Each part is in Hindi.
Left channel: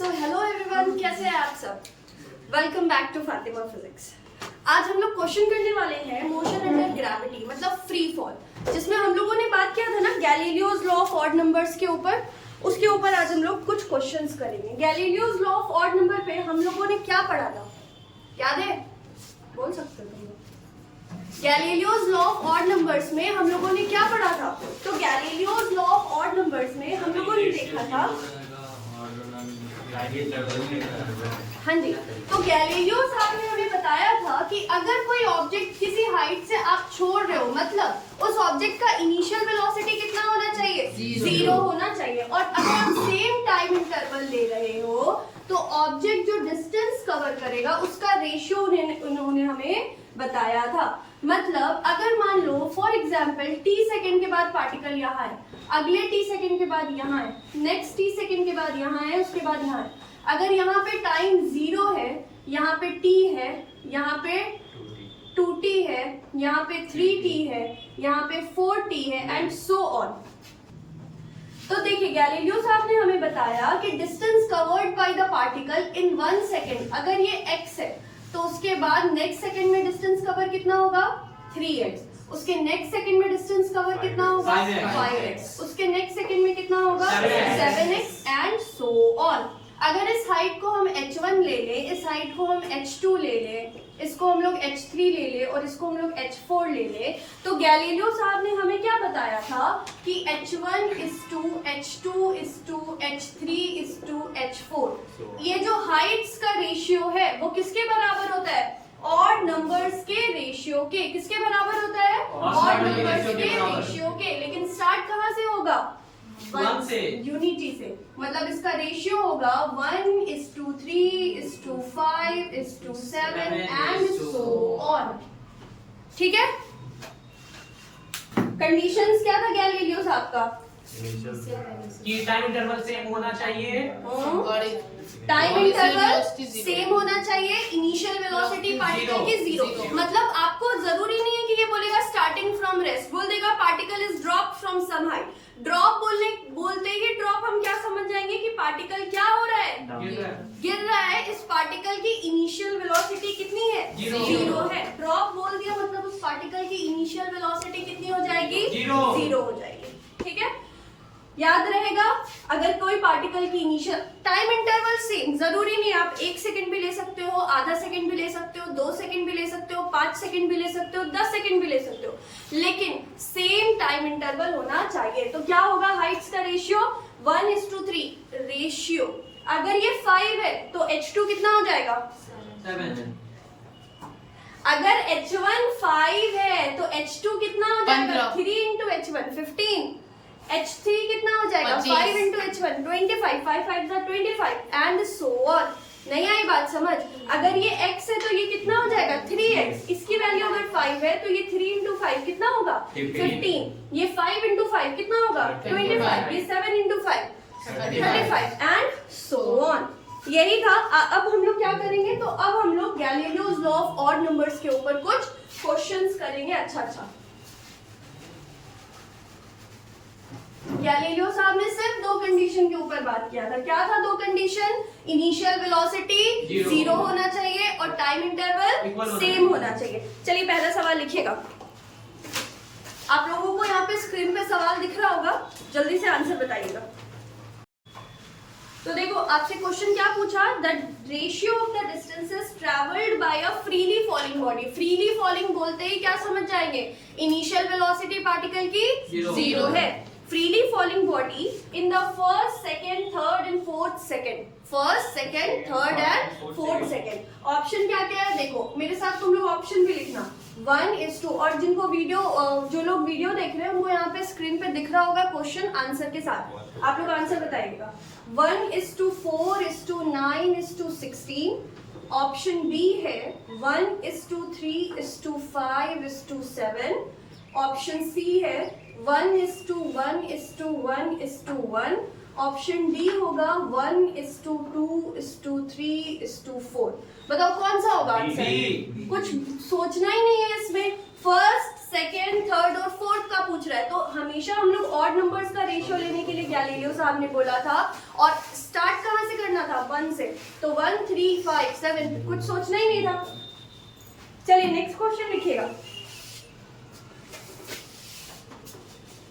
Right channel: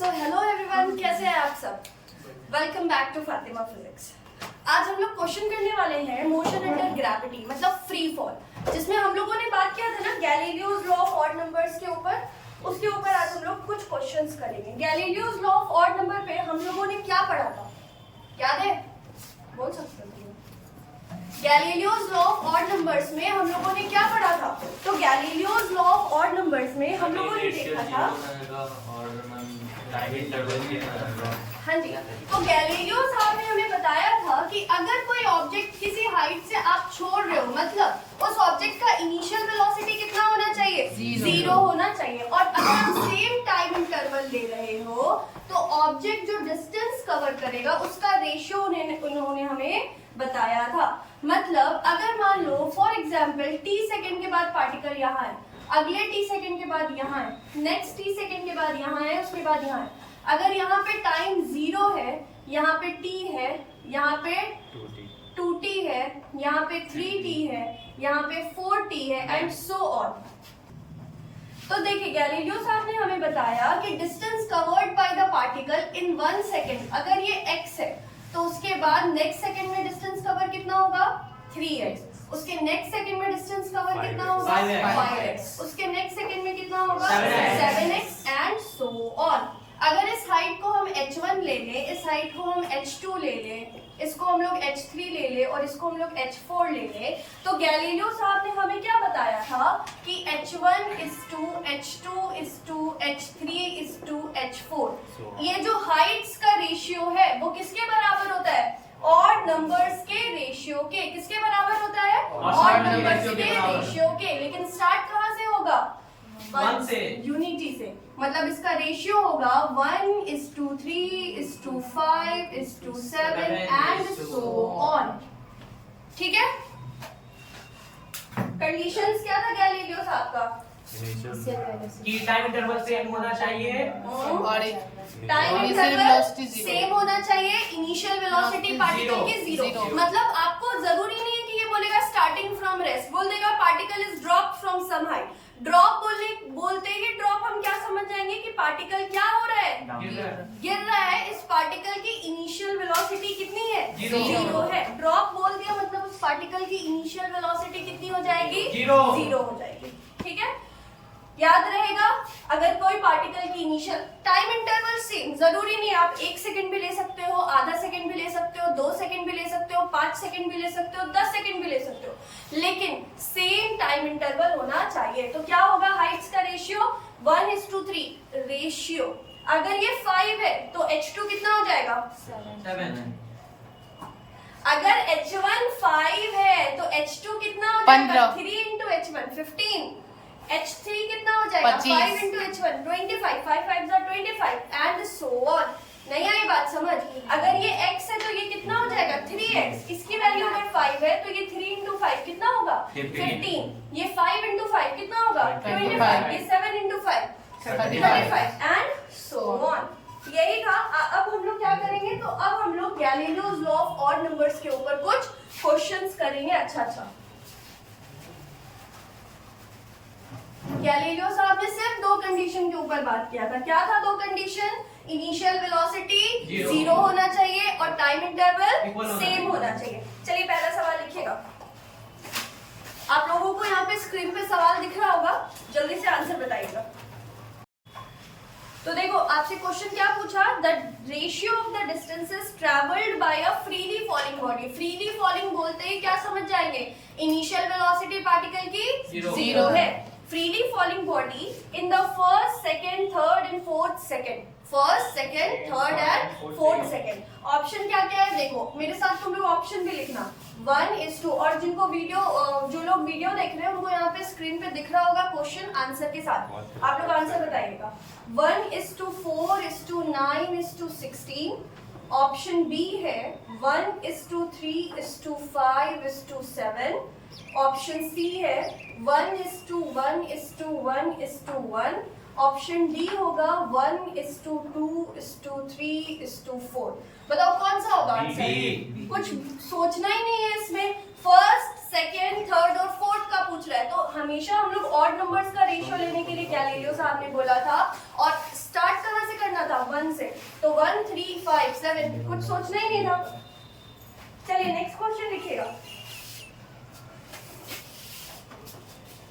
सो हेलो एवरीवन, कैसे हैं आप सब। Welcome back to Fatima physics. आज हम लोग क्वेश्चन करने वाले हैं मोशन अंडर ग्रेविटी मतलब फ्री फॉल, जिसमें हम लोगों ने बात किया था ना Galileo's law of odd numbers के ऊपर। उसके ऊपर आज हम लोग कुछ क्वेश्चंस करेंगे। Galileo's law of odd number पे हम लोगों ने क्या पढ़ा था, याद है? बोल सकते हो? Galileo's law of odd numbers में हम लोगों ने क्या पढ़ा था? तो Galileo's law of odd numbers में हम लोगों ने देखा था, हाँ जी, तो गैलीलियो साहब ने हमें बताया था कि अगर कोई ऑब्जेक्ट किसी हाइट से आप छोड़ रहे हो, मतलब उस ऑब्जेक्ट का इनिशियल वेलोसिटी कितना होना चाहिए? जीरो होना चाहिए। और अगर आप सेम टाइम इंटरवल ले रहे हो तो ऑब्जेक्ट जो डिस्टेंस कवर करेगा उसका रेशियो उन्होंने हमें बताया था। मतलब अगर मान लो फॉर एग्जाम्पल t सेकेंड के बाद पार्टिकल यहाँ है, अगले t सेकेंड के बाद यहाँ है, नेक्स्ट t सेकेंड के बाद यहाँ है, उसके बाद यहाँ है। अगर यहाँ पे टाइम 0 है, यहाँ पे t है, यहाँ पे 2t है, यहाँ पे 3t है, यहाँ पे 4t है एंड सो ऑन। तो देखिए गैलीलियो साहब ने हमें बताया कि distance covered by the particle in 1 second, अगर ये x है तो उसके बाद नेक्स्ट सेकेंड में डिस्टेंस कवर कितना होगा? 3x। उसके नेक्स्ट सेकेंड में डिस्टेंस कवर कितना होगा? 5x। उसके नेक्स्ट सेकेंड में कितना होगा? 7x and so on. अगर इस हाइट को हम h1 ले ले, इस हाइट को हम h2 ले ले, इसको हम लोग h3 ले ले और इसको हम लोग h4 ले ले, तो गैलीलियो साहब ने हमें क्या बताया था कि h1 is to h2 is to h3 is to h4। ये जो हाइट्स का रेशियो है वो किसके बराबर होता है? ऑड नंबर्स के रेशियो के। किसके बराबर होता है? ऑड नंबर्स के रेशियो के। लेकिन स्टार्ट कहाँ से होगा? 1 से, यूनिटी से। मतलब इसका रेशियो होगा 1:3:5:7 एंड सो ऑन। ठीक है। कंडीशंस क्या था गैलीलियो साहब का? कि टाइम इंटरवल सेम होना चाहिए, टाइम इंटरवल सेम होना चाहिए, इनिशियल वेलोसिटी पार्टिकल की 0। मतलब आपको जरूरी नहीं है कि ये बोलेगा स्टार्टिंग फ्रॉम रेस्ट, बोल देगा particle is drop from some height. Drop बोलते ही ड्रॉप हम क्या समझ जाएंगे कि पार्टिकल क्या हो रहा है? गिर रहा है। इस पार्टिकल की इनिशियल वेलोसिटी कितनी है? 0 है। ड्रॉप बोल दिया मतलब उस पार्टिकल की इनिशियल वेलोसिटी कितनी हो जाएगी? 0 हो जाएगी। ठीक है, याद रहेगा। अगर कोई पार्टिकल की इनिशियल टाइम इंटरवल सेम, जरूरी नहीं आप 1 सेकंड भी ले सकते हो, आधा सेकंड भी ले सकते हो, 2 सेकंड भी ले सकते हो, 5 सेकंड भी ले सकते हो, 10 सेकंड भी ले सकते हो, लेकिन सेम टाइम इंटरवल होना चाहिए। तो क्या होगा हाइट्स का रेशियो? 1:3 रेशियो। अगर ये 5 है तो h2 कितना हो जाएगा? 7। अगर h1 5 है तो h2 कितना हो जाएगा? 3 × h1 15। h3 कितना हो जाएगा? 5 × h1 25, 5 5 25 एंड सो ऑन। नहीं आई बात समझ? अगर ये x है तो ये कितना हो जाएगा? 3x। इसकी वैल्यू अगर 5 है तो ये 3 × 5 कितना होगा? 15। ये 5 × 5 कितना होगा? 25। ये 7 × 5 35 एंड सो ऑन। यही था। अब हम लोग क्या करेंगे? तो अब हम लोग Galileo's law of odd numbers के ऊपर कुछ क्वेश्चंस करेंगे। अच्छा, गैलीलियो साहब ने सिर्फ 2 कंडीशन के ऊपर बात किया था। क्या था 2 कंडीशन? इनिशियल वेलोसिटी 0 होना चाहिए और टाइम इंटरवल सेम होना चाहिए। चलिए पहला सवाल लिखिएगा। आप लोगों को यहाँ पे स्क्रीन पे सवाल दिख रहा होगा, जल्दी से आंसर बताइएगा। तो देखो आपसे क्वेश्चन क्या पूछा? The ratio of the distances travelled by a freely falling body. Freely falling बोलते ही क्या समझ जाएंगे? इनिशियल वेलोसिटी पार्टिकल की 0 है। Freely falling body in the first, second, third and fourth second. First, second, third and fourth second. Option क्या क्या है देखो, मेरे साथ तुम लोग ऑप्शन भी लिखना। 1:2। और जिनको वीडियो, जो लोग वीडियो देख रहे हैं उनको यहाँ पे स्क्रीन पे दिख रहा होगा क्वेश्चन आंसर के साथ, आप लोग आंसर बताइएगा। 1:4:9:16। ऑप्शन बी है 1:3:5:7। ऑप्शन सी है 1:1:1:1। ऑप्शन डी होगा 1:2:3:4। बताओ कौन सा होगा आंसर? कुछ सोचना ही नहीं है इसमें। फर्स्ट, सेकेंड, थर्ड और फोर्थ का पूछ रहा है, तो हमेशा हम लोग ऑड नंबर्स का रेशियो लेने के लिए गैलीलियो साहब ने बोला था। और स्टार्ट कहाँ से करना था? 1 से, तो 1 3 5 7, कुछ सोचना ही नहीं था। चलिए नेक्स्ट क्वेश्चन लिखिएगा,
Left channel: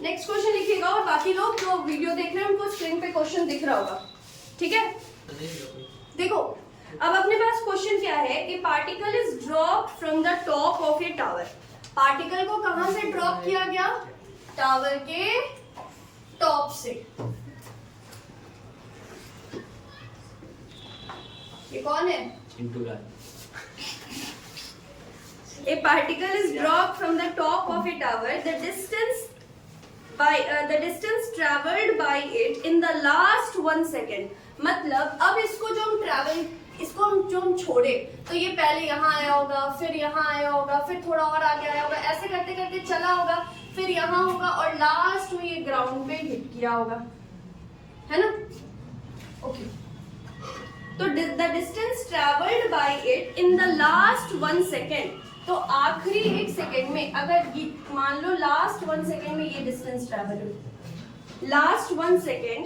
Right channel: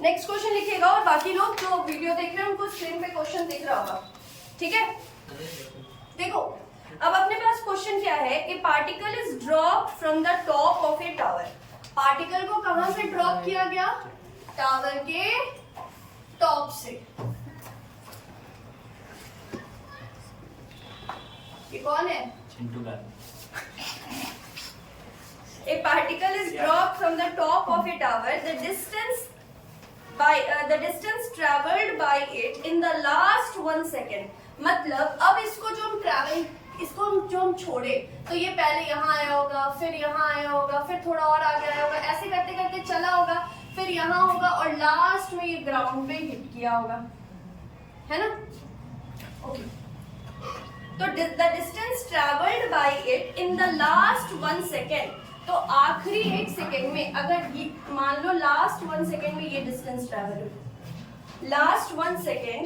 नेक्स्ट क्वेश्चन लिखिएगा, और बाकी लोग जो वीडियो देख रहे हैं उनको स्क्रीन पे क्वेश्चन दिख रहा होगा, ठीक है। देखो अब अपने पास क्वेश्चन क्या है, ए particle is dropped from the top of A tower. Particle को कहां से ड्रॉप किया गया? टावर के टॉप से। ये कौन है? चिंटू लाल। A particle is dropped from the top of a tower. The distance traveled by it in the last 1 second. मतलब अब इसको जो हम छोड़े, तो ये पहले यहाँ आया होगा, फिर यहाँ आया होगा, फिर थोड़ा और आगे आया होगा, ऐसे करते करते चला होगा, फिर यहाँ होगा और लास्ट में ये ग्राउंड पे हिट किया होगा, है ना? ओके, तो the distance travelled bye it in the last 1 second, तो आखिरी 1 सेकेंड में, अगर ये मान लो लास्ट 1 सेकेंड में ये डिस्टेंस ट्रेवल हुई, last 1 second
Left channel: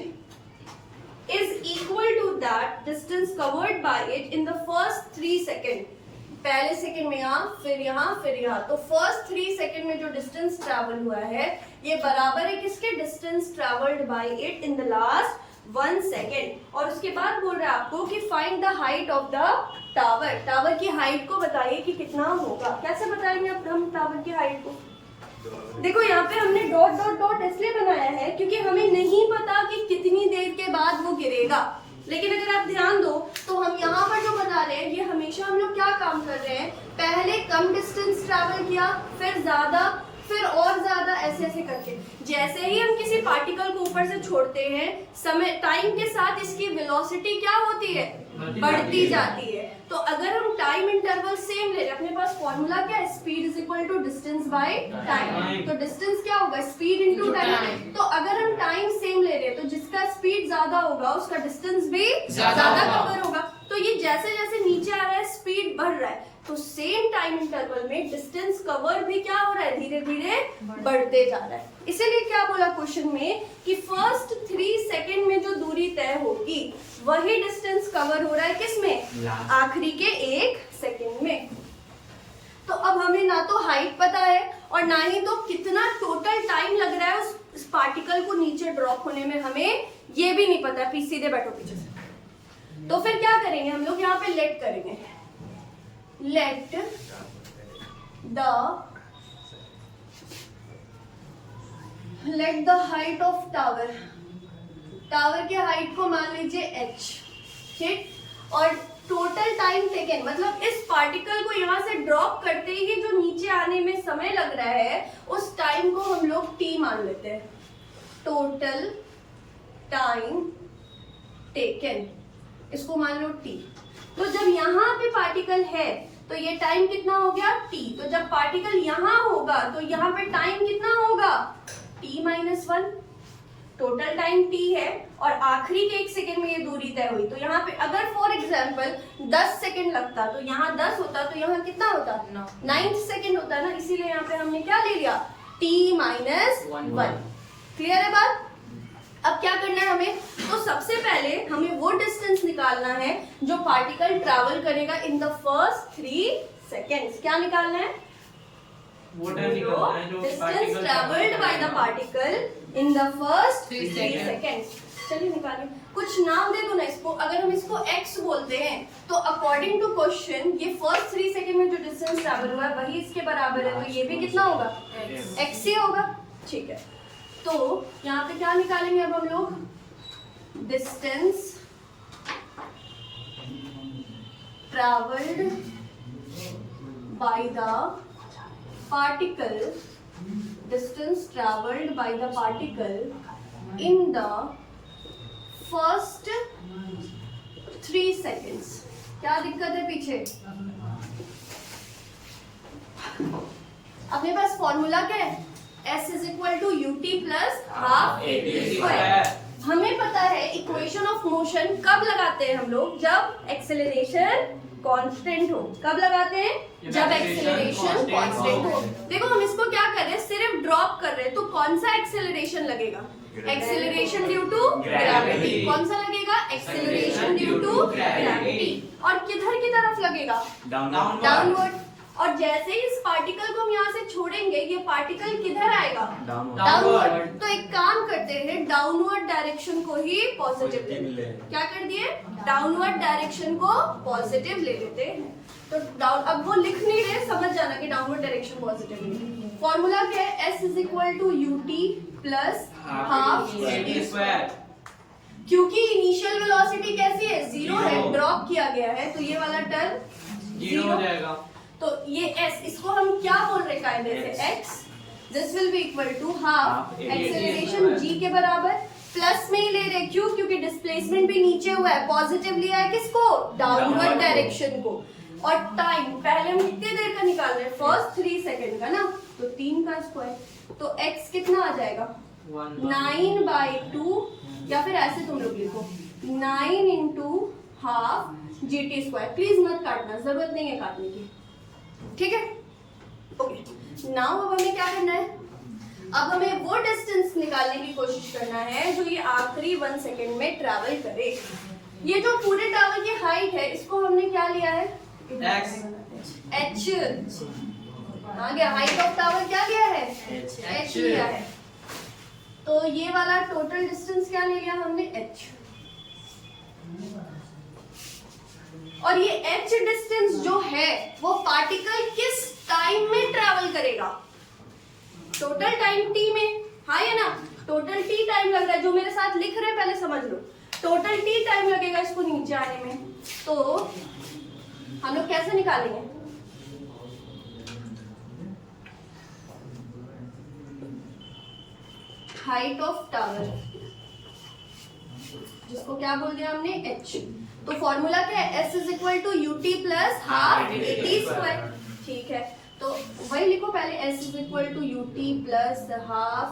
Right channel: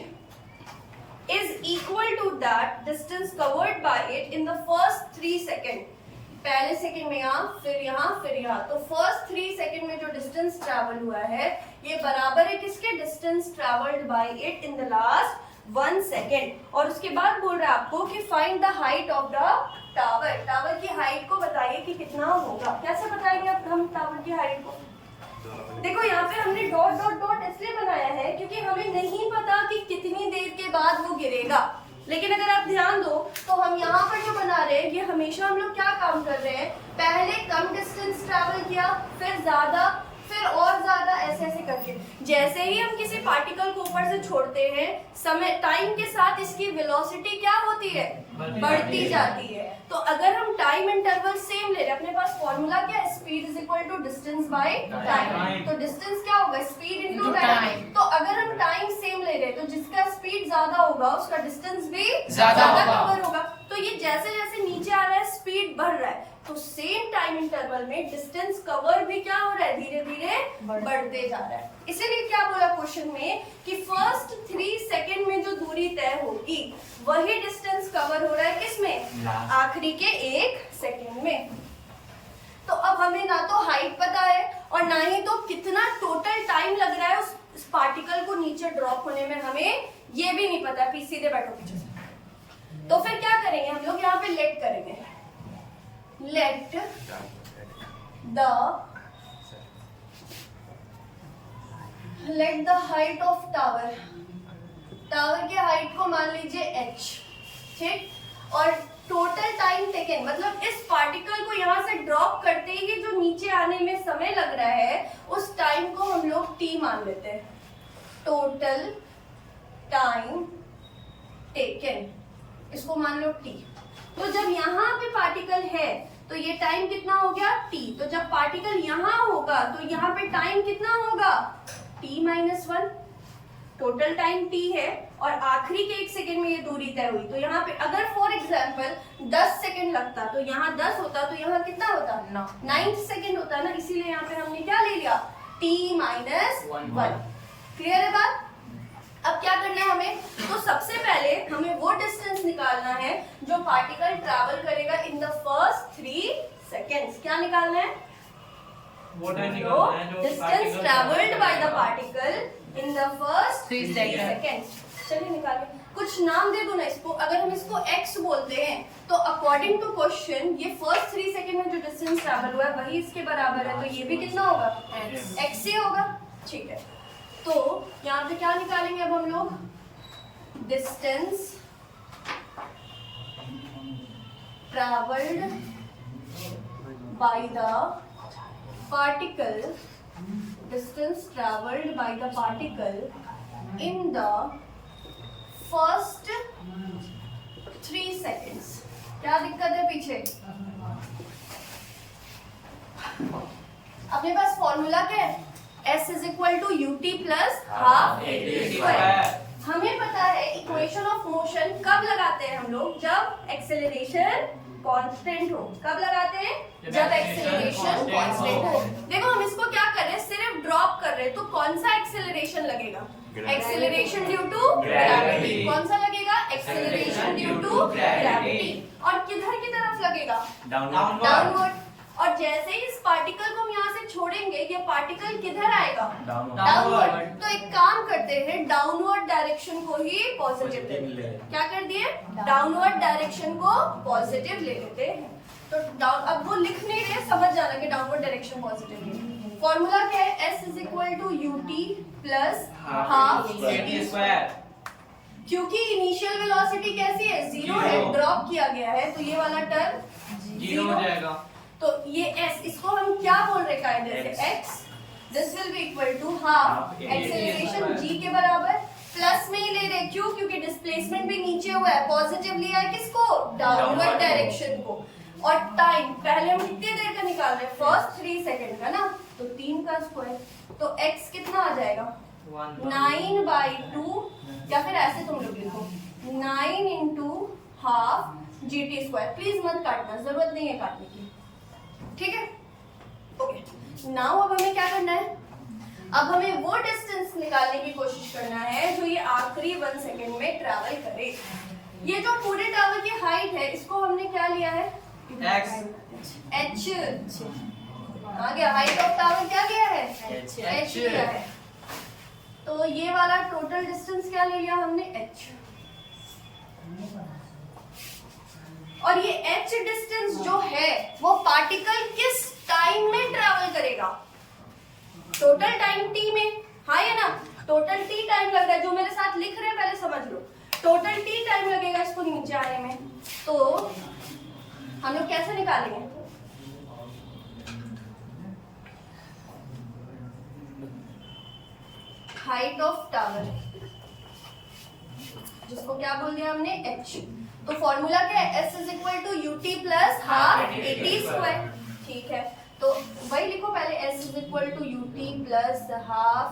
is equal to that distance covered by it in the first 3 second. पहले सेकेंड में यहाँ, फिर यहाँ, फिर यहाँ, तो फर्स्ट 3 सेकेंड में जो डिस्टेंस ट्रेवल हुआ है ये बराबर है किसके? Distance travelled bye it in the last 1 second. और उसके बाद बोल रहा है आपको कि find the height of the tower. Tower की हाइट को बताइए कि कितना होगा। कैसे बताएंगे अब हम टावर की हाइट को? देखो यहाँ पे हमने डॉट डॉट डॉट इसलिए बनाया है क्योंकि हमें नहीं पता कि कितनी देर के बाद वो गिरेगा। लेकिन अगर आप ध्यान दो तो हम यहाँ पर जो बना रहे हैं, ये हमेशा हम लोग क्या काम कर रहे हैं, पहले कम डिस्टेंस ट्रैवल किया, फिर ज्यादा, फिर और ज्यादा, ऐसे ऐसे करके। जैसे ही हम किसी पार्टिकल को ऊपर से छोड़ते हैं, समय टाइम के साथ इसकी वेलोसिटी क्या होती है? बढ़ती जाती है। तो अगर हम टाइम इंटरवल सेम ले रहे हैं, अपने पास फॉर्मूला क्या है? Speed is equal to distance by time. तो डिस्टेंस क्या होगा? Speed into time. तो अगर हम टाइम सेम ले रहे हैं तो जिसका स्पीड ज्यादा होगा उसका डिस्टेंस भी ज्यादा कवर होगा। तो ये जैसे जैसे नीचे आ रहा है स्पीड बढ़ रहा है, तो सेम टाइम इंटरवल में डिस्टेंस कवर भी क्या हो रहा है? धीरे धीरे बढ़ते जा रहा है। इसीलिए क्या बोला क्वेश्चन में कि फर्स्ट 3 सेकेंड में जो दूरी तय होगी वही डिस्टेंस कवर हो रहा है किसमें? आखिरी के 1 सेकेंड में। तो अब हमें ना तो हाइट पता है और ना ही तो कितना टोटल टाइम लग रहा है उस पार्टिकल को नीचे ड्रॉप होने में, हमें ये भी नहीं पता। सीधे बैठो पीछे से। तो फिर क्या करेंगे हम लोग? यहाँ पे लेट करेंगे, let the height of tower, tower के हाइट को मान लीजिए h, ठीक, और टोटल टाइम टेकन, मतलब इस पार्टिकल को यहाँ से ड्रॉप करते ही जो नीचे आने में समय लग रहा है उस टाइम को हम लोग t मान लेते हैं। टोटल टाइम टेकन, इसको मान लो t। तो जब यहाँ पे पार्टिकल है तो ये टाइम कितना हो गया? t। तो जब पार्टिकल यहाँ होगा तो यहाँ पे टाइम कितना होगा? t-1। टोटल टाइम t है और आखिरी के 1 सेकेंड में ये दूरी तय हुई। तो यहाँ पे अगर फॉर एग्जाम्पल 10 सेकेंड लगता तो यहाँ 10 होता, तो यहाँ कितना होता? 9 सेकेंड होता ना। इसीलिए यहाँ पे हमने क्या ले लिया? t-1। क्लियर है बात? अब क्या करना है हमें? तो सबसे पहले हमें वो डिस्टेंस निकालना है जो पार्टिकल ट्रैवल करेगा इन द फर्स्ट 3 सेकेंड्स। क्या निकालना है? Distance travelled by the particle in the first 3 seconds. चलिए निकालिए। कुछ नाम दे दो ना इसको। अगर हम इसको x बोलते हैं तो अकॉर्डिंग टू क्वेश्चन ये फर्स्ट 3 सेकेंड में जो डिस्टेंस ट्रैवल हुआ है वही इसके बराबर है, तो ये भी कितना होगा? x से होगा, ठीक है। तो यहाँ पे क्या निकालेंगे अब हम लोग? Distance travelled by the particle, distance travelled by the particle in the first 3 seconds. क्या दिक्कत है पीछे? अपने पास फॉर्मूला क्या है? S is equal to UT plus half AT²। हमें पता है इक्वेशन ऑफ मोशन कब लगाते हैं हम लोग? जब एक्सेलरेशन कांस्टेंट हो। कब लगाते हैं? जब एक्सेलरेशन कांस्टेंट हो। देखो हम इसको क्या कर रहे हैं? सिर्फ ड्रॉप कर रहे हैं, तो कौन सा एक्सेलरेशन लगेगा? Acceleration due to gravity. कौन सा लगेगा? Acceleration due to gravity. और किधर की तरफ लगेगा? डाउनवर्ड। और जैसे ही इस पार्टिकल को हम यहाँ से छोड़ेंगे ये पार्टिकल किधर आएगा? डाउनवर्ड। तो एक काम करते हैं, डाउनवर्ड डायरेक्शन को ही पॉजिटिव ले लेते हैं। क्या कर दिए? डाउनवर्ड डायरेक्शन को पॉजिटिव ले लेते हैं। तो डाउन, अब वो लिख नहीं रहे, समझ जाना कि डाउनवर्ड डायरेक्शन पॉजिटिव ले। फॉर्मूला क्या है? S is equal to UT plus half GT square. क्योंकि इनिशियल वेलोसिटी कैसी है? जीरो है, ड्रॉप किया गया है, तो ये वाला टर्म जीरो हो जाएगा। तो ये S, इसको हम क्या बोल रहे कायदे से? X। This will be equal to half acceleration G के बराबर, प्लस में ही ले रहे। क्यों? क्योंकि डिस्प्लेसमेंट भी नीचे हुआ है, पॉजिटिव लिया है किसको? डाउनवर्ड डायरेक्शन को। और टाइम पहले हम कितने देर का निकाल रहे हैं? फर्स्ट 3 सेकेंड का ना, तो 3 का स्क्वायर। तो x कितना आ जाएगा? 9/2, या फिर ऐसे तुम लोग लिखो 9 into half GT square. Please मत काटना, जरूरत नहीं है काटने की, ठीक है? ओके, नाउ अब हमें क्या करना है? अब हमें वो डिस्टेंस निकालने की कोशिश करना है जो ये आखिरी 1 सेकेंड में ट्रैवल करे। ये जो पूरे टावर की हाइट है, इसको हमने क्या लिया है? H। आ गया, हाइट ऑफ टावर क्या लिया है? H लिया है। तो ये वाला टोटल डिस्टेंस क्या ले लिया हमने? H। और ये H डिस्टेंस जो है वो पार्टिकल किस टाइम में ट्रैवल करेगा? टोटल टाइम T में, हाँ या ना? टोटल T टाइम लग रहा है, जो मेरे साथ लिख रहे हैं पहले समझ लो। टोटल T टाइम लगेगा इसको नीचे आने में। तो हम लोग कैसे निकालेंगे? हाइट ऑफ टावर, जिसको क्या बोल दिया हमने? H। तो फॉर्मूला क्या है? S is equal to UT plus half AT square. ठीक है, तो वही लिखो पहले, S is equal to UT plus half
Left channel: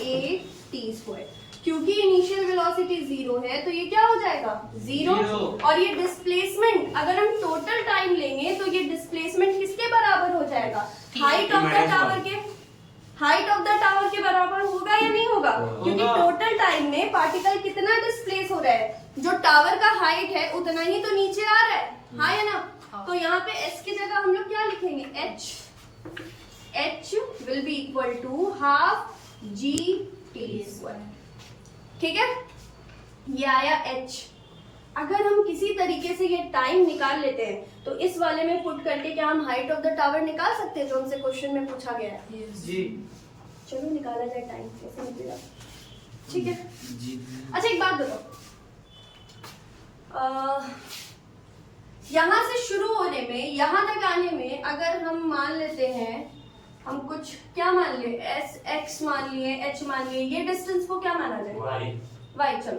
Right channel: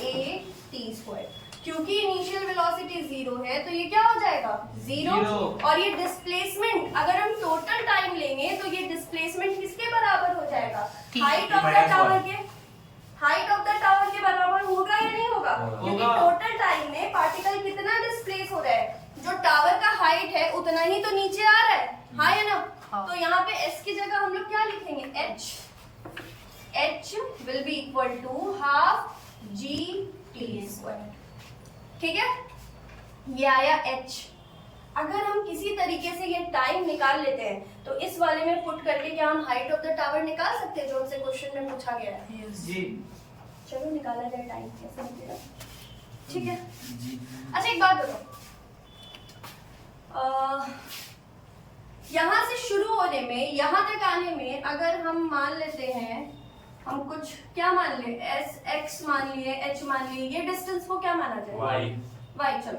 AT square. क्योंकि इनिशियल वेलोसिटी 0 है तो ये क्या हो जाएगा? 0। और ये डिस्प्लेसमेंट अगर हम टोटल टाइम लेंगे तो ये डिस्प्लेसमेंट किसके बराबर हो जाएगा? हाइट ऑफ द टावर के, हाइट ऑफ द टावर के बराबर होगा या नहीं होगा? क्योंकि टोटल टाइम में पार्टिकल कितना डिस्प्लेस हो रहा है? जो टावर का हाइट है उतना ही तो नीचे आ रहा है, हाँ या ना? तो यहाँ पे S की जगह हम लोग क्या लिखेंगे? H will be equal to half GT square. ठीक है, ये आया H। अगर हम किसी तरीके से ये टाइम निकाल लेते हैं तो इस वाले में पुट करके क्या हम हाइट ऑफ द टावर निकाल सकते हैं जो हमसे क्वेश्चन में पूछा गया है? जी। चलो निकाला जाए, टाइम कैसे निकलेगा? ठीक है जी। अच्छा एक बात बताओ, यहाँ से शुरू होने में यहाँ तक आने में अगर हम मान लेते हैं, हम कुछ क्या मान लिए? S X मान लिए, H मान लिए, ये डिस्टेंस को क्या माना जाए? Y। चलो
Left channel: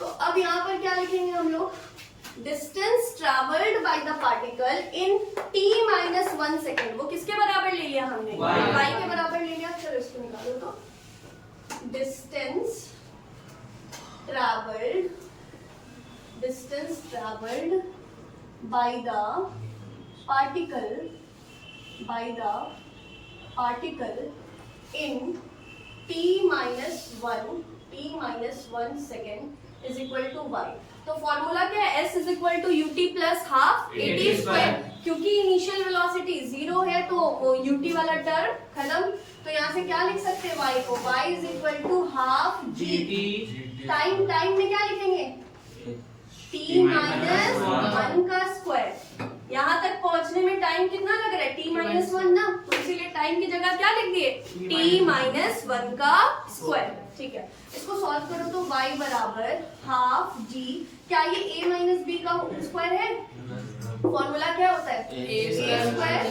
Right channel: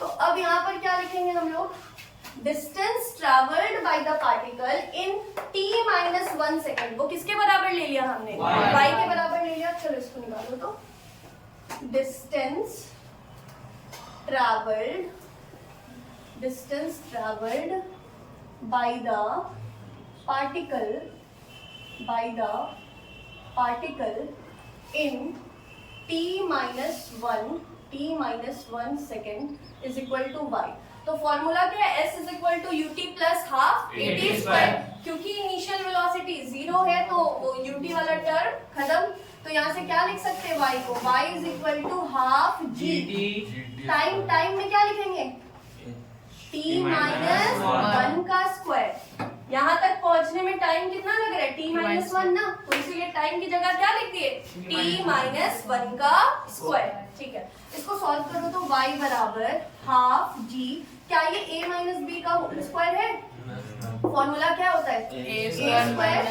तो अब यहाँ पर क्या लिखेंगे हम लोग? Distance travelled by the particle in t-1 second. वो किसके बराबर ले लिया हमने? y के बराबर ले लिया। चलो इसको निकालो तो, distance travelled by the particle in t-1 second is equal to y। तो फॉर्मूला क्या है? S is equal to UT plus half AT square. क्योंकि इनिशियल वेलोसिटी 0 है तो वो UT वाला टर्म खत्म। तो यहाँ से क्या लिख सकते हैं? y को, y is equal to half GT। Time में क्या लिखेंगे? t-1 का स्क्वायर। यहाँ तक पहुंचने में टाइम कितना लग रहा है? t-1 ना, तो इसीलिए टाइम की जगह क्या लिख दिए? t-1 का स्क्वायर। ठीक है, इसको सॉल्व करो तो y बराबर हाफ g। क्या ये a माइनस b का स्क्वायर है? फॉर्मूला क्या होता है? a square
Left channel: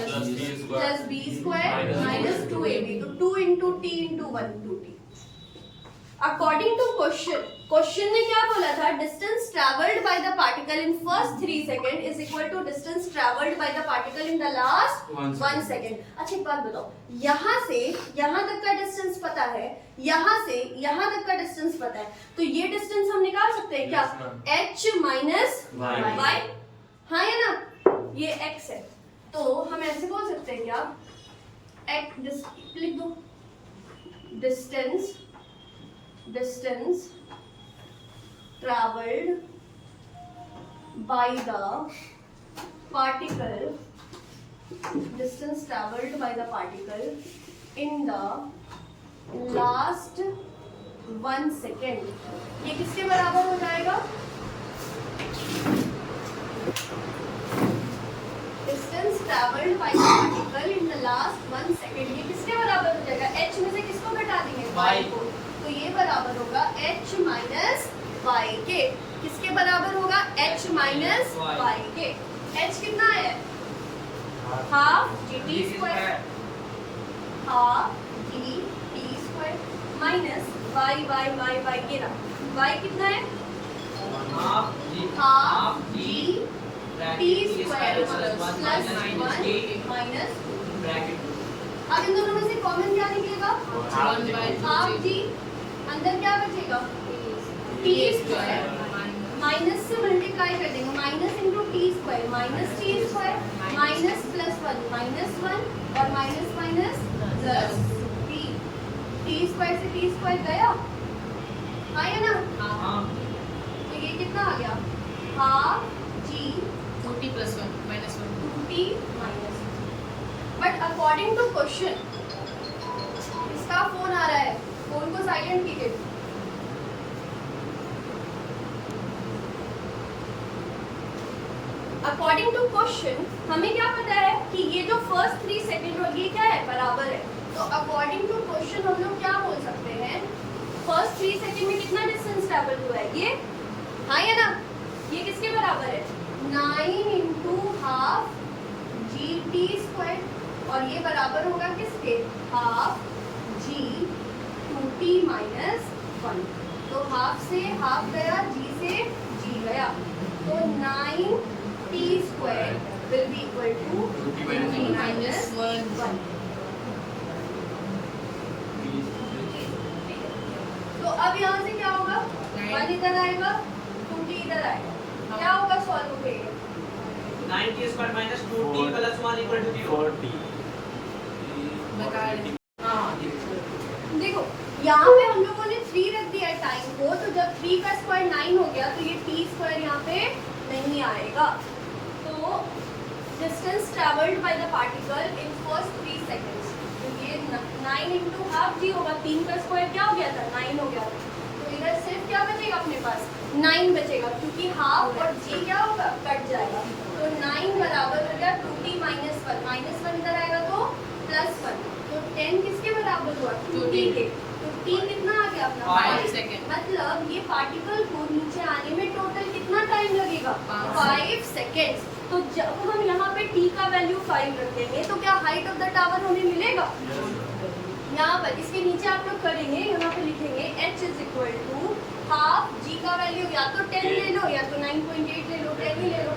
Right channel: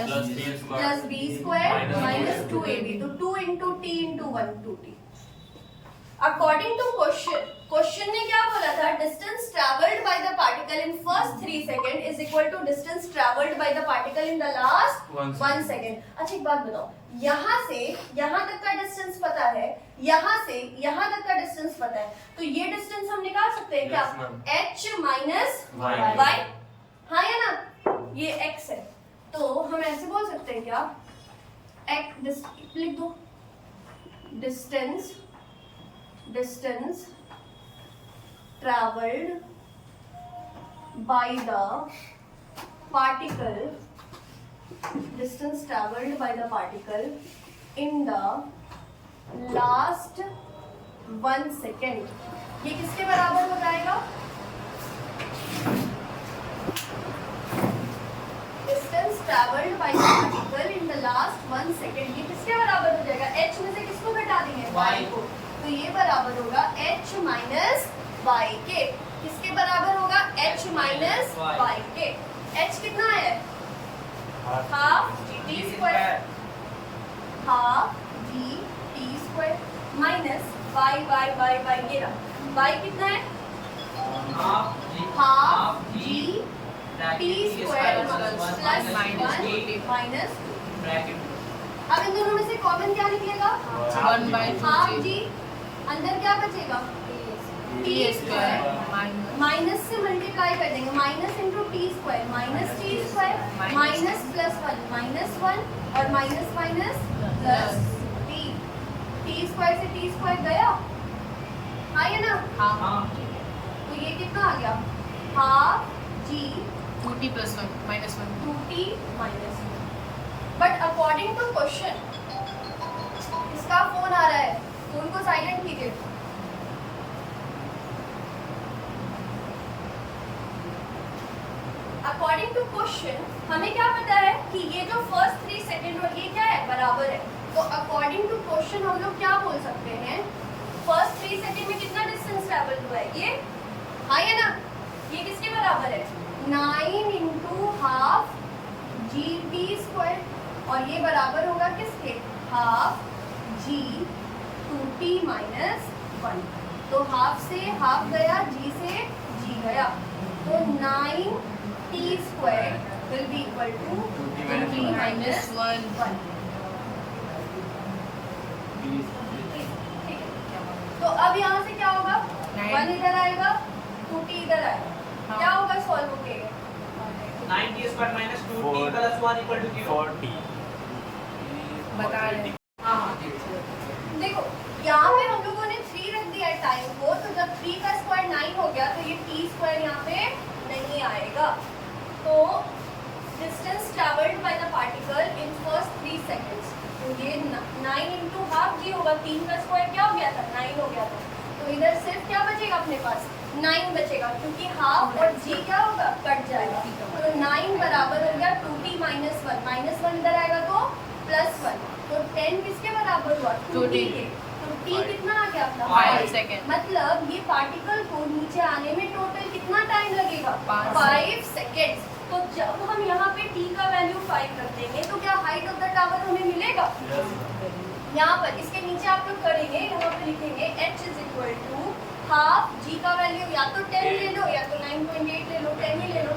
plus b square minus 2ab। तो 2 into t into 1 2t। According to question ने क्या बोला था? Distance travelled by the particle in first 3 second is equal to distance travelled by the particle in the last 1 second. अच्छा एक बात बताओ, यहाँ से यहाँ तक का डिस्टेंस पता है, यहाँ से यहाँ तक का डिस्टेंस पता है, तो ये डिस्टेंस हम निकाल सकते हैं क्या? h माइनस y, हाँ या ना? ये x है, तो हम ऐसे बोल सकते हैं क्या? लिख दो, distance distance traveled by the particle, distance traveled by the particle in the last 1 second, ये किसके बराबर हो जाएगा? Distance traveled by the particle in the last 1 second, ये किसके बराबर हो जाएगा? h में से किसको घटा देंगे? y को। तो ये बराबर होगा h माइनस y के। किसके बराबर होगा? h माइनस y के। h कितना है? Half gt square, half gt square minus y ये रहा। y कितना है? Half g t square plus 1 minus. अब इन दोनों में से कॉमन क्या निकलेगा? हाफ g, अंदर क्या बचेगा? t स्क्वायर माइनस से मल्टीप्लाई कर देंगे, minus into T square minus T square minus plus 1 minus 1 और minus minus plus T. T square से टी स्क्वायर गया, आया ना? तो ये कितना आ गया? Half G 2t plus 1 minus 1. 2t minus. But according to question, इसका फोन आ रहा है, फोन को साइलेंट कीजिए। अकॉर्डिंग टू क्वेश्चन हमें क्या पता है कि ये जो फर्स्ट 3 सेकेंड और ये क्या है? बराबर है। तो अकॉर्डिंग टू क्वेश्चन हम लोग क्या बोल सकते हैं? फर्स्ट 3 सेकेंड में कितना डिस्टेंस ट्रैवल हुआ है? ये, हाँ या ना? ये किसके बराबर है? 9 into half G T square, और ये बराबर होगा किसके? Half G 2t minus 1। तो हाफ से हाफ गया, जी से जी गया, तो 9t square will be equal to 2t minus 1। तो अब यहाँ से क्या होगा? 1 इधर आएगा, 2t इधर आएगा, क्या होगा? सॉल्व हो गए 9t square minus 2t plus 1 equal to 4t। बता रहे। देखो यहाँ पे हम लोगों ने 3 रख दिया टाइम को, तो जब 3 का स्क्वायर 9 हो गया तो ये t स्क्वायर यहाँ पे नहीं आएगा। तो distance travelled by the particle in first 3 seconds, तो ये 9 इंटू हाफ जी होगा। 3 का स्क्वायर क्या हो गया था? 9 हो गया था। तो इधर सिर्फ क्या बचेगा अपने पास? 9 बचेगा, क्योंकि हाफ और जी क्या होगा? कट जाएगा। तो 9 बराबर हो गया 2t माइनस 1, माइनस 1 इधर आएगा तो प्लस 1। तो 10 किसके बराबर हुआ? 2t के। तो t कितना आ गया अपना? 5 सेकेंड। मतलब ये पार्टिकल को नीचे आने में टोटल कितना टाइम लगेगा? 5 सेकेंड्स। तो जब हम यहाँ पे t का वैल्यू 5 रख देंगे तो क्या हाइट ऑफ द टावर हमें मिलेगा? यहाँ पर इसके नीचे आप लोग करेंगे, यहाँ पर लिखेंगे h is equal to half g का वैल्यू या तो 10 ले लो या तो 9.8 ले लो, 10 ही ले लो,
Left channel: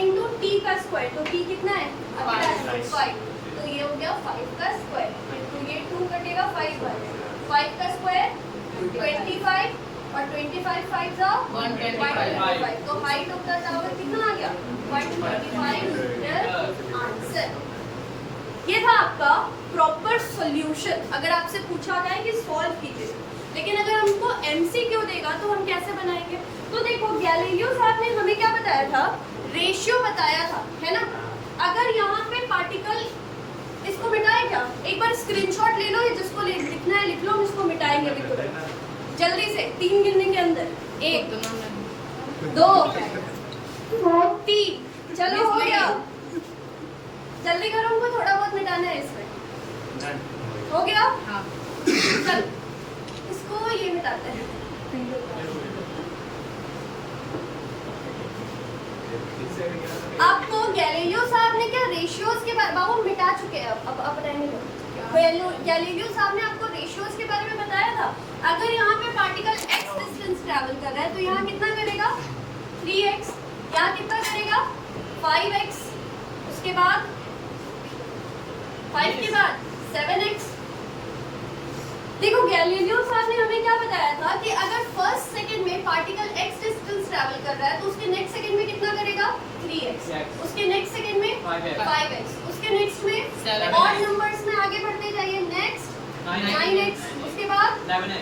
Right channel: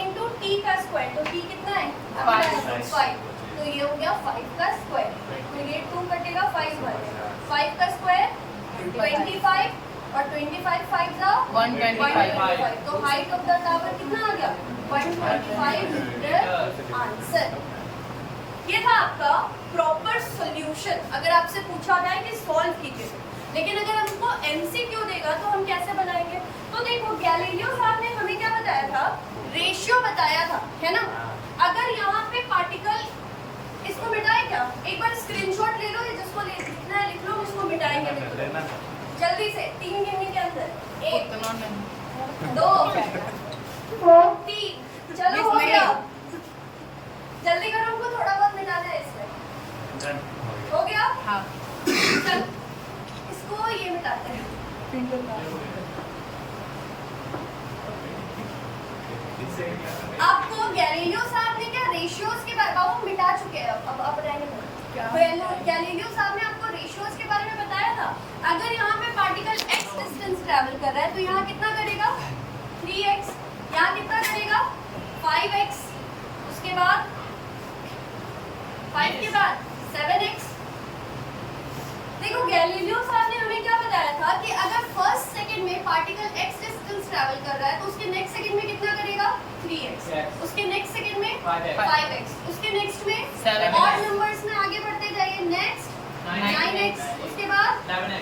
इंटू t का स्क्वायर। तो t कितना है? 5। तो ये हो गया 5 का स्क्वायर। तो ये 2 कटेगा, 5 बचेगा। 5 का स्क्वायर 25 और 25 5 जा 125। तो हाइट ऑफ द टावर कितना आ गया? 125 मीटर। आंसर ये था आपका प्रॉपर सॉल्यूशन। अगर आपसे पूछा जाए कि सॉल्व कीजिए, लेकिन अगर हमको एमसीक्यू देगा तो हम कैसे बनाएंगे? तो देखो गैलीलियो साहब ने हमें क्या बताया था? रेशियो बताया था, है ना? अगर यहाँ पे पार्टिकल, इसको मिटाए क्या? एक बार स्क्रीनशॉट ले लो, ये जिसको लिखना है लिख लो, हम इसको मिटाएंगे अभी जल्दी से। 3 गिनने के अंदर 1 2 3, चलो हो गया। जल्दी करो, हमको थोड़ा बहुत मिटाना है इसमें। हो गया? हाँ। चल इसको ये मिटाते हैं। आपको गैलीलियो साहब ने क्या रेशियोज के बारे में, वो मिटा चुके हैं, अब रहने दो। गैलीलियो साहब ने आपको रेशियोज के बारे में बताया था। अगर यहाँ पे पार्टिकल x डिस्टेंस ट्रैवल कर रहा है तो यहाँ कितना करेगा? 3x। यहाँ कितना करेगा? 5x। उसके बाद 5 के बाद 7x। देखो गैलीलियो साहब ने हमें क्या बताया था कि अगर फर्स्ट सेकंड में पार्टिकल x डिस्टेंस ट्रैवल कर रहा है तो उसके नेक्स्ट सेकंड में कितना करेगा? 3x। उसके नेक्स्ट सेकंड में 5x। उसके नेक्स्ट में 7x। और नंबर्स में आगे बढ़ते जाइए। Next 9x। उसके बाद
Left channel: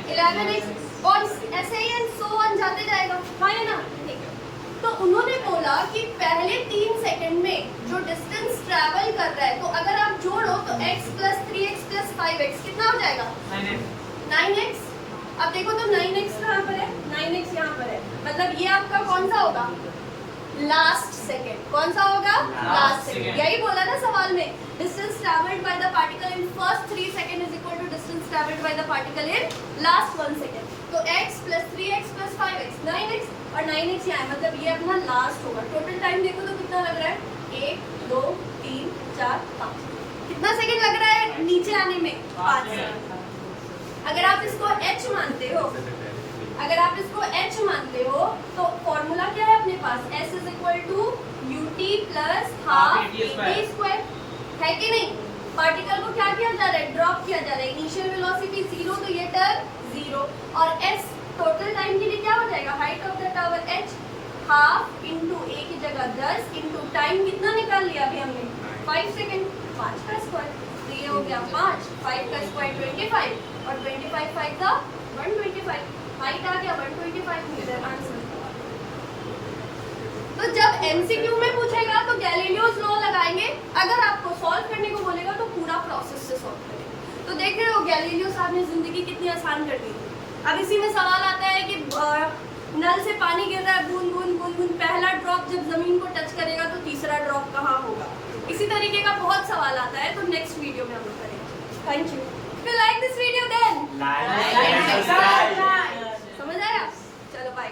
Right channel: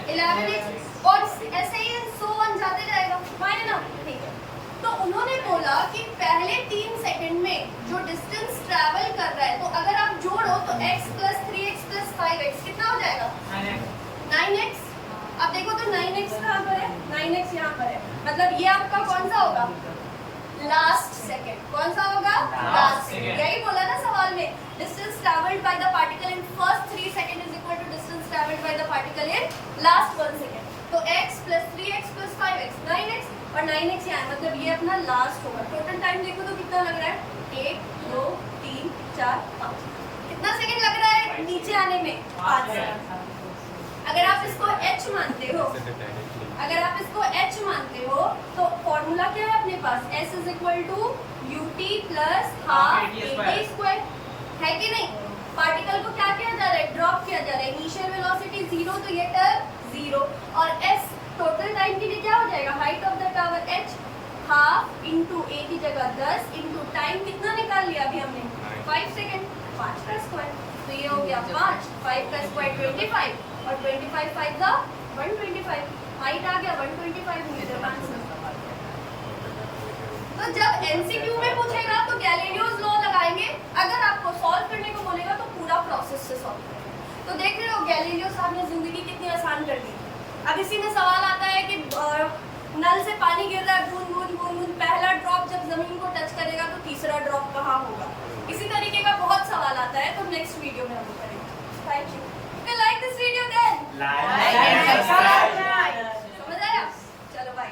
11x। और ऐसे ही एंड सो ऑन जाते जाएगा, हाँ है ना? ठीक है। तो उन्होंने बोला कि पहले 3 सेकंड में जो डिस्टेंस ट्रैवल कर रहा है, तो अगर आप जोड़ो तो x + 3x + 5x कितना हो जाएगा? 9x। अब देखो तो 9x कहाँ पर है? 9x यहाँ पर है, मतलब ये आपका कौन सा होगा? Last second. कौन सा होगा? Last second. यही बोला ना सवाल में, distance travelled by the particle in first 3 second is equal to distance travelled by the particle in last 1 second. तो x + 3x + 5x 9x और 9x यहाँ है, मतलब ये अपना लास्ट होगा। टोटल टाइम देखो तो कितना लग रहा है? 1 2 3 4 5। कितना सेकंड लग रहा है नीचे आने में? 5 सेकंड। अगर आप इसको h मानते हो, अगर आप इसको h मानते हो तो फॉर्मूला क्या है अपने पास? s = ut + हाफ at² है कि नहीं? पार्टिकल को क्या किया जा रहा है? ड्रॉप किया जा रहा है। इनिशियल वेलोसिटी 0, तो ये टर्म 0 और s टोटल टाइम के लिए क्या हो जाएगा? Height of the tower h half into a की जगह 10 इंटू टाइम कितना निकाल लिया अभी हमने? 5 सेकंड। 5 का स्क्वायर, तो ये हो गया 5, 5 का स्क्वायर 25 और 25 5 का 125। हाइट आ गया 125 मीटर आंसर। तो जब एमसीक्यू में पूछेगा तो गैलीलियोस लॉ लगाएंगे, अगर आपको सॉल्व करने को बोलेगा तो पूरा प्रोसेस से सॉल्व करेंगे। तो देख रहे हो गैलीलियो साहब ने जिंदगी कितनी आसान कर दी। अब इसी में सवाल आता है कि नल से पानी गिर रहा है, बूंद बूंद बूंद बूंद, पहला ड्रॉप जब जमीन को टच करेगा तो तीसरा ड्रॉप कहाँ होगा? इसी तरीके का बहुत सवाल आता है, तो नेक्स्ट वीडियो में हम लोग करेंगे। Thank you. If you like this video then Like, subscribe. समझ आया? चलो बाय।